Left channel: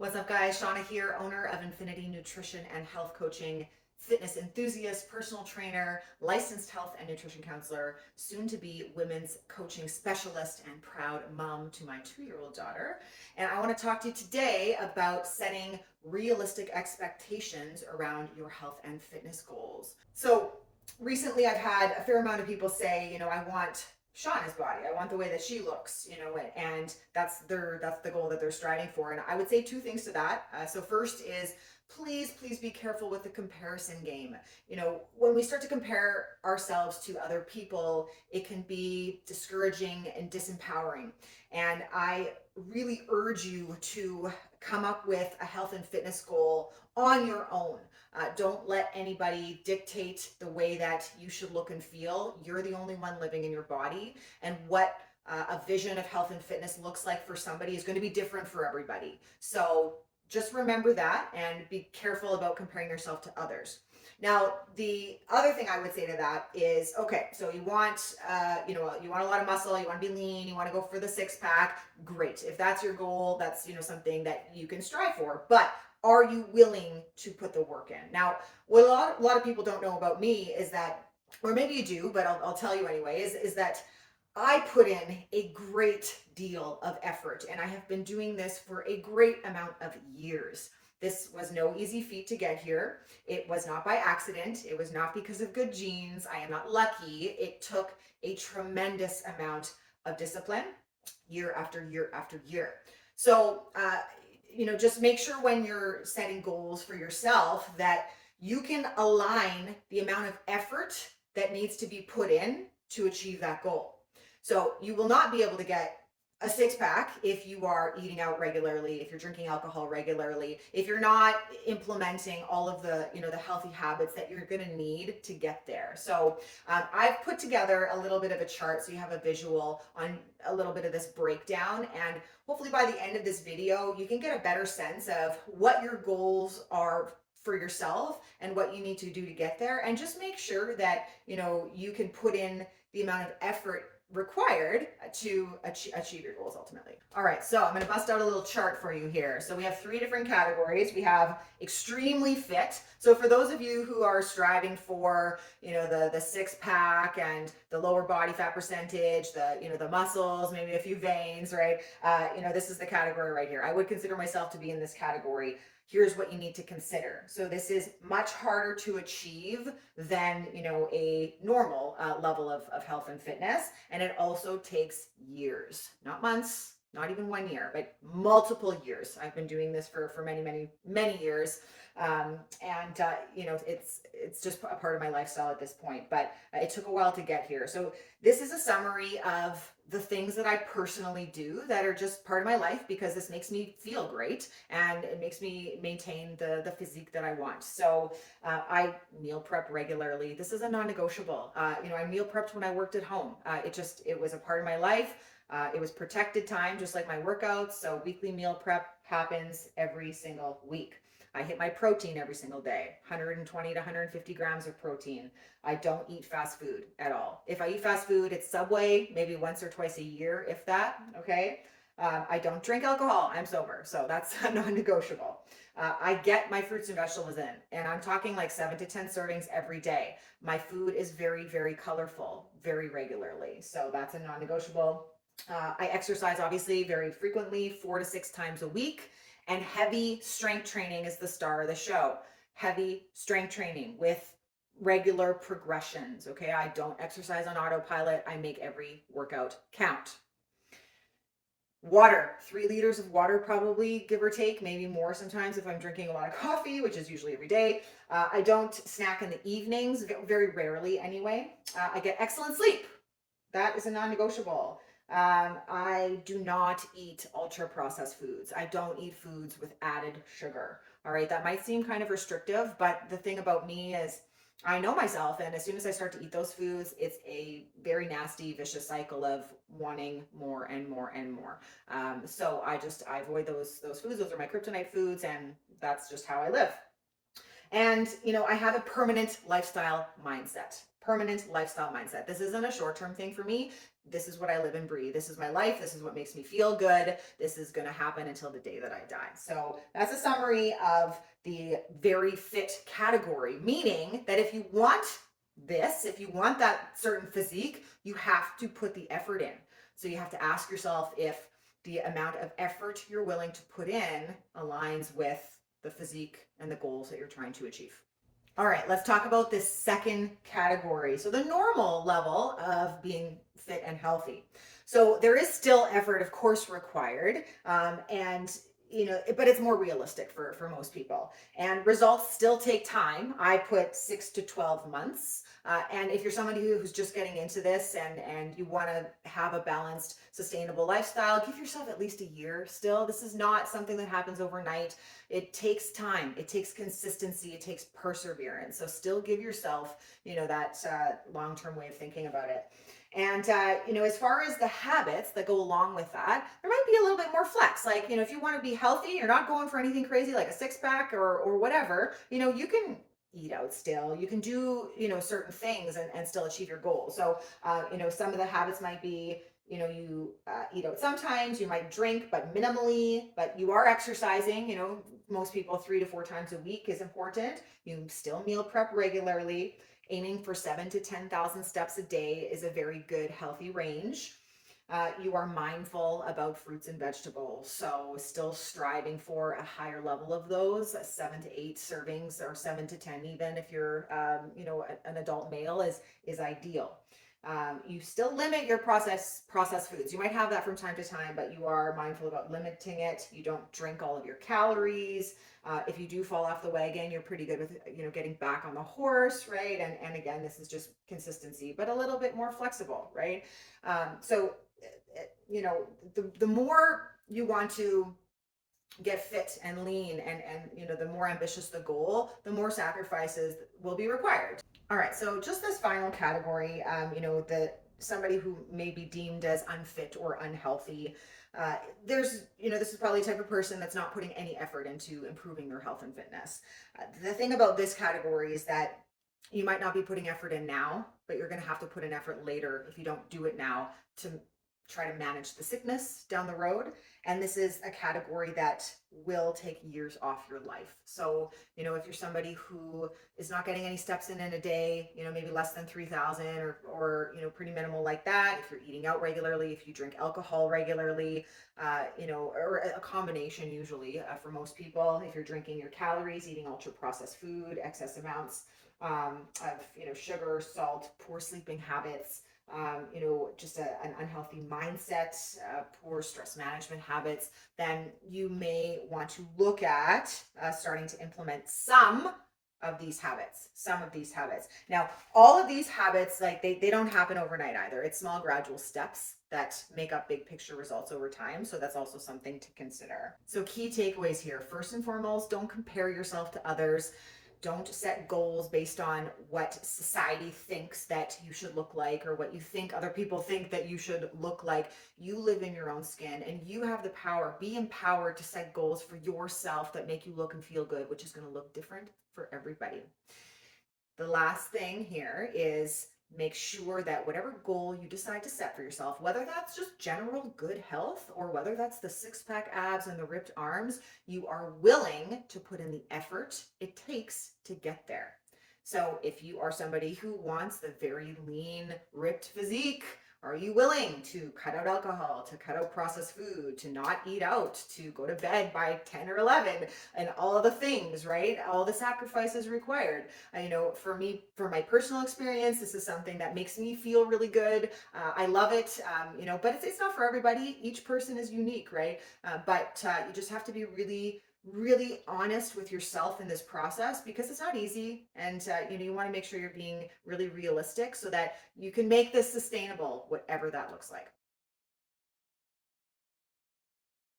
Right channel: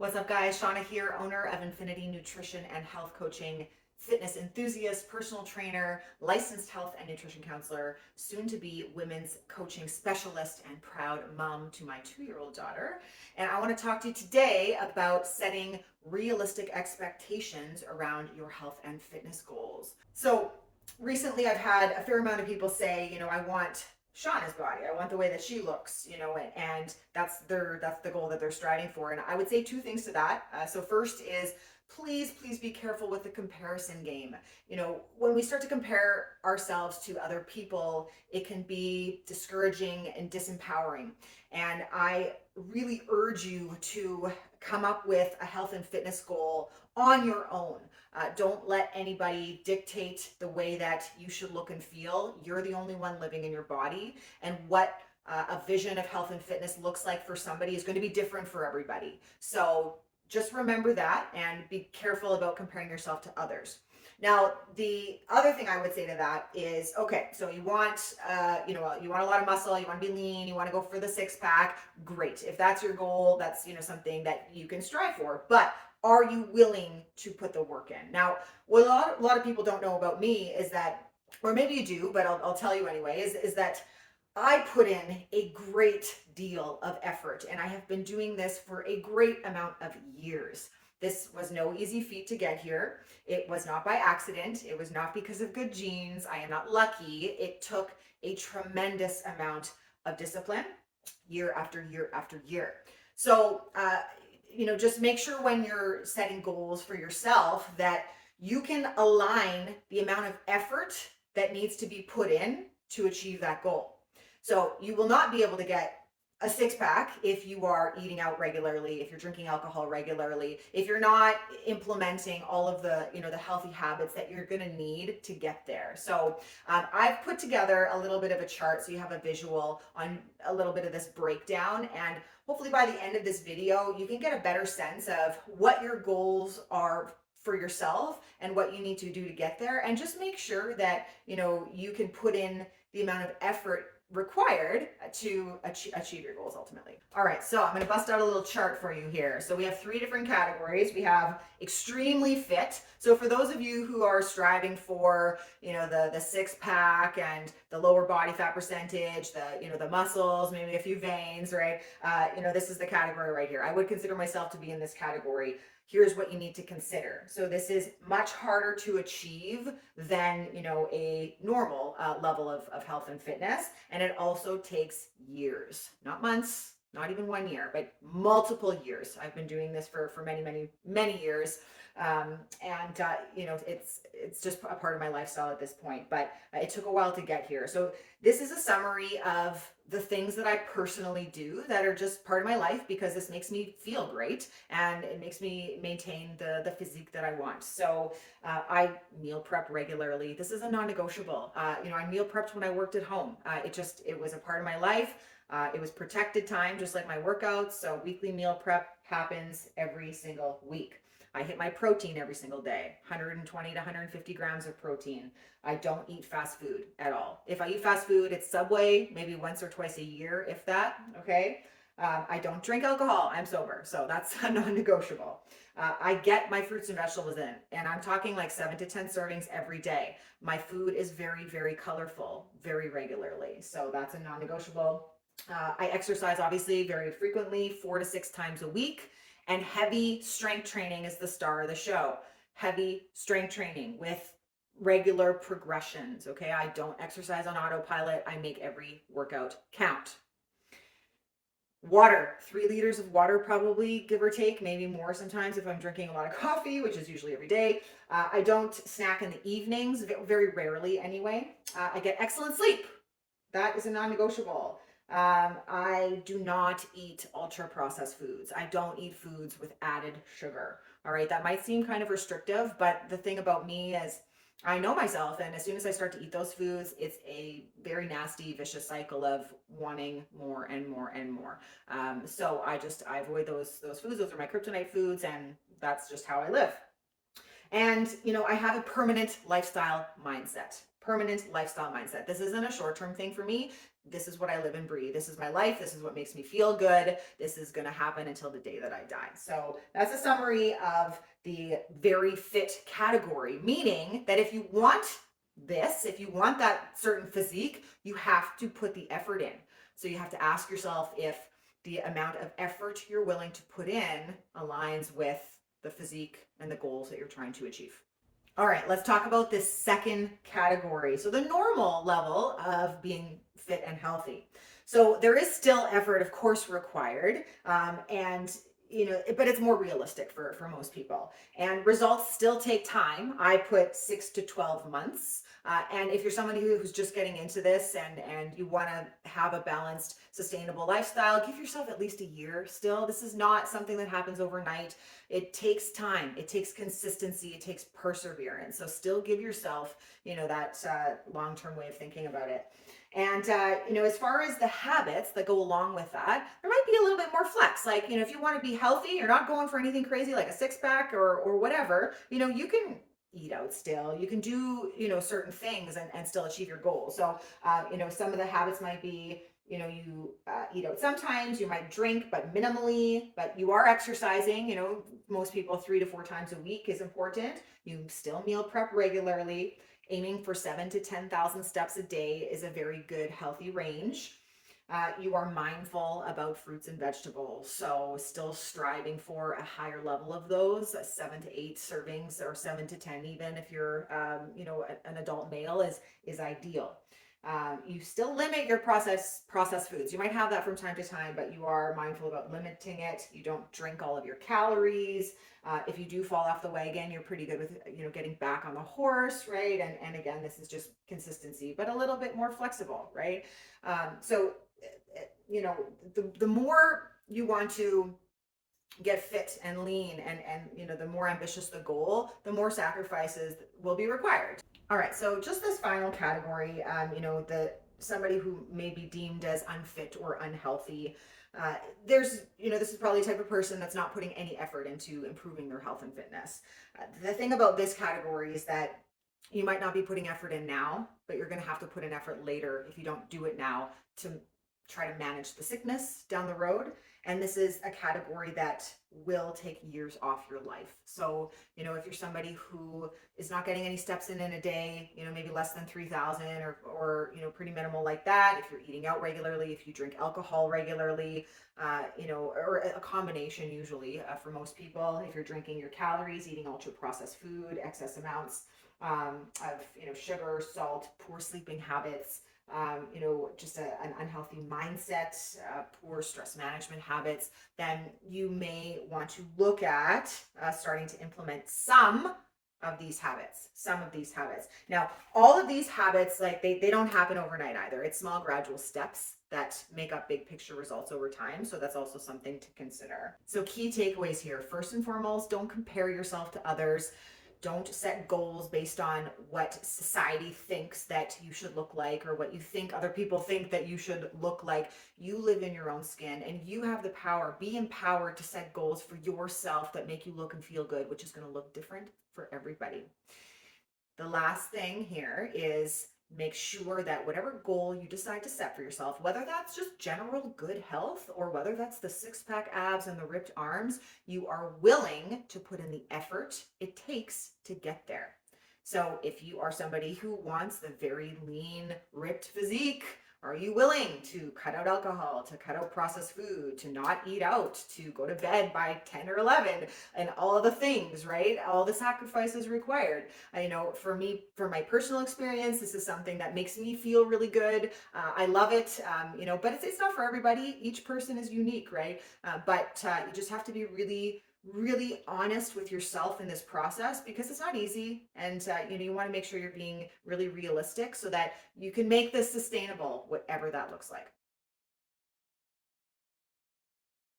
What's up, guys? Shauna here, owner of Infinity Nutrition and Health Coaching, fitness enthusiast, personal trainer, licensed health and nutrition counselor, soon to be women's coaching specialist, and proud mom to my 2-year-old daughter. And I want to talk to you today about setting realistic expectations around your health and fitness goals. So, recently I've had a fair amount of people say, I want Shauna's body. I want the way that she looks, and that's the goal that they're striving for. And I would say two things to that. So first is please be careful with the comparison game. When we start to compare ourselves to other people, it can be discouraging and disempowering. And I really urge you to come up with a health and fitness goal on your own. Don't let anybody dictate the way that you should look and feel. You're the only one living in your body, and what a vision of health and fitness looks like for somebody is going to be different for everybody. So just remember that and be careful about comparing yourself to others. Now, the other thing I would say to that is, okay, so you want, you want a lot of muscle, you want to be lean, you want to go for the 6-pack. Great. If that's your goal, that's, something that you can strive for. But are you willing to put the work in? Now, what a lot of people don't know about me is that, or maybe you do, but I'll tell you anyway, is that I put in a great deal of effort, and I have been doing this for a great amount of years. This was no easy feat to get here. It was not by accident. It was not because of good genes. I am not lucky. It took a tremendous amount of discipline year after year after year. So, just make sure when you're setting goals for yourself that you can align the amount of effort that needs to be put in to achieve that goal. So you will not be able to get a 6-pack if you are eating out regularly, if you're drinking alcohol regularly, if you're not implementing all of the, the healthy habits that you're going to need to get there. So I've put together a little bit of a chart so you have a visual on a little bit of this breakdown, and hopefully by the end of this video, you can get a better sense of what your goals are for yourself and what you need to do to get there, and just make sure that, you can put in the amount of effort required to achieve your goals ultimately. All right, so I'm going to bust out a little chart for you here. So we have 3 different categories. We have extremely fit. So for those of you who are striving for, the 6-pack and the lower body fat percentage, the muscles, maybe a few veins, right? This is the category right here. I would consider myself to be in this category. Here's what you need to consider. So this is much harder to achieve than, a normal level of health and fitness. And it also takes years, not months, not even 1 year, but multiple years. I've been doing this for many years. It's just a part of my lifestyle at this point, but it took a while to get here. So this is a summary of the things that I personally do that are just part of my life, because this makes me feel great and it makes me maintain the physique that I want. So I meal prep regularly. This is a non-negotiable. I meal prepped when I worked at home. It was a part of my life. It was protected time, just like my workouts. So weekly meal prep happens every single week. I hit my protein every single day, 120 to 150 grams of protein. I don't eat fast food at all. If I eat fast food, it's Subway, maybe once or twice a year, if that, okay? I don't drink alcohol. I'm sober, so that's non-negotiable. I get my fruits and vegetables in, and I'm talking like 7 to 10 servings every day. My food is very, very colorful, very regularly, so that's a non-negotiable. I exercise, obviously, very frequently, 4 to 6 times a week. And heavy strength training is the star of the show. Heavy strength training with regular progressions, okay? I don't exercise on autopilot. I make every workout count. Water, 3 liters of water probably, give or take, maybe more sometimes if I'm drinking a lot of coffee, which is usually every day. I don't snack in the evenings, very rarely anyway. I get excellent sleep. That is a non-negotiable. I do not eat ultra processed foods. I don't eat foods with added sugar. All right, that might seem kind of restrictive, but the thing about me is I know myself, and as soon as I start to eat those foods, it's a very nasty, vicious cycle of wanting more and more and more. So I avoid those foods. Those are my kryptonite foods, and that's just how I live. And, I have a permanent lifestyle mindset. permanent lifestyle mindset. This isn't a short-term thing for me. This is what I live and breathe. This is my life. This is what makes me feel good. This is going to happen until the day that I die. So that's a summary of the very fit category, meaning that if you want this, if you want that certain physique, you have to put the effort in. So you have to ask yourself if the amount of effort you're willing to put in aligns with the physique and the goals that you're trying to achieve. All right, let's talk about this second category. So the normal level of being fit and healthy. So there is still effort, of course, required, and but it's more realistic for most people. And results still take time. I put 6 to 12 months. And if you're somebody who's just getting into this and you want to have a balanced, sustainable lifestyle, give yourself at least a year still. This is not something that happens overnight. It takes time, it takes consistency, it takes perseverance. So still give yourself, that long-term way of thinking about it. And, as far as the habits that go along with that, there might be a little bit more flex. Like, if you want to be healthy, you're not going for anything crazy like a six pack or whatever, you can eat out still. You can do, certain things and still achieve your goals. So, some of the habits might be, you eat out sometimes, you might drink, but minimally, but you are exercising, most people 3 to 4 times a week is important. You still meal prep regularly. Aiming for 7 to 10,000 steps a day is a very good, healthy range. You are mindful about fruits and vegetables, so still striving for a higher level of those. 7 to 8 servings, or 7 to 10, even if you're, an adult male, is ideal. You still limit your processed foods. You might have that from time to time, but you are mindful about limiting it. You don't drink all of your calories. If you do fall off the wagon, you're pretty good with getting back on the horse, right? And again, this is just consistency, but a little bit more flexible, right? So the more you want to get fit and lean, and the more ambitious the goal, the more sacrifices will be required. All right, so just this final category, the somebody who may be deemed as unfit or unhealthy. This is probably the type of person that's not putting any effort into improving their health and fitness. The thing about this category is that you might not be putting effort in now, but you're going to have to put an effort later if you don't do it now to try to manage the sickness down the road. And this is a category that will take years off your life. So, if you're somebody who is not getting any steps in a day, maybe less than 3,000, or pretty minimal like that, if you're eating out regularly, if you drink alcohol regularly, or a combination usually, for most people, if you're drinking your calories, eating ultra processed food, excess amounts of sugar, salt, poor sleeping habits, just an unhealthy mindset, poor stress management habits, then you may want to look at starting to implement some of these habits. Now, all of these habits, like they don't happen overnight either. It's small, gradual steps that make up big picture results over time. So that's also something to consider. So key takeaways here. First and foremost, don't compare yourself to others. Don't set goals based on what society thinks that you should look like, or what you think other people think that you should look like. You live in your own skin and you have the power. Be empowered to set goals for yourself that make you look and feel good, which is going to look different for everybody. The last thing here is make sure that whatever goal you decide to set for yourself, whether that's just general good health or whether that's the six-pack abs and the ripped arms, you are willing to put in the effort it takes to get there. So if you are somebody who wants the very lean, ripped physique, are you willing to cut out alcohol, to cut out processed food, to not eat out, to go to bed by 10 or 11, and all of the things, right? All the sacrifices required. For me, from my personal experience, this is something that makes me feel really good. I love it, but it's not for everybody. Each person is unique, right? But you just have to be really honest with yourself in this process, because it's not easy, and you want to make sure you're being really realistic so that you can make this sustainable, whatever that looks like.